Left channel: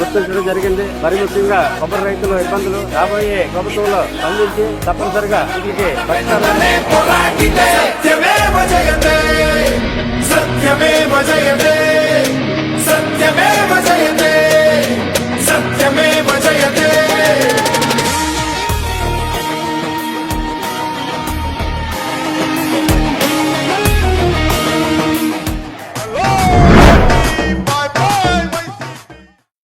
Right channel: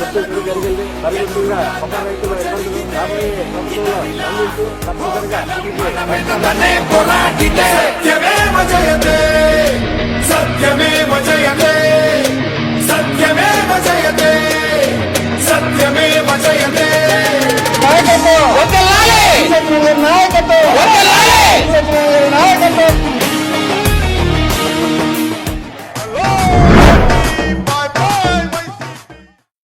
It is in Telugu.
గుర్తించడం జరిగింది. మరి ముఖ్యంగా కొబ్బరి రైతుల ఇబ్బందులు రాబోయే ప్రభుత్వంలో అందించి తప్పనిసరిగా వీటికి సత్యమే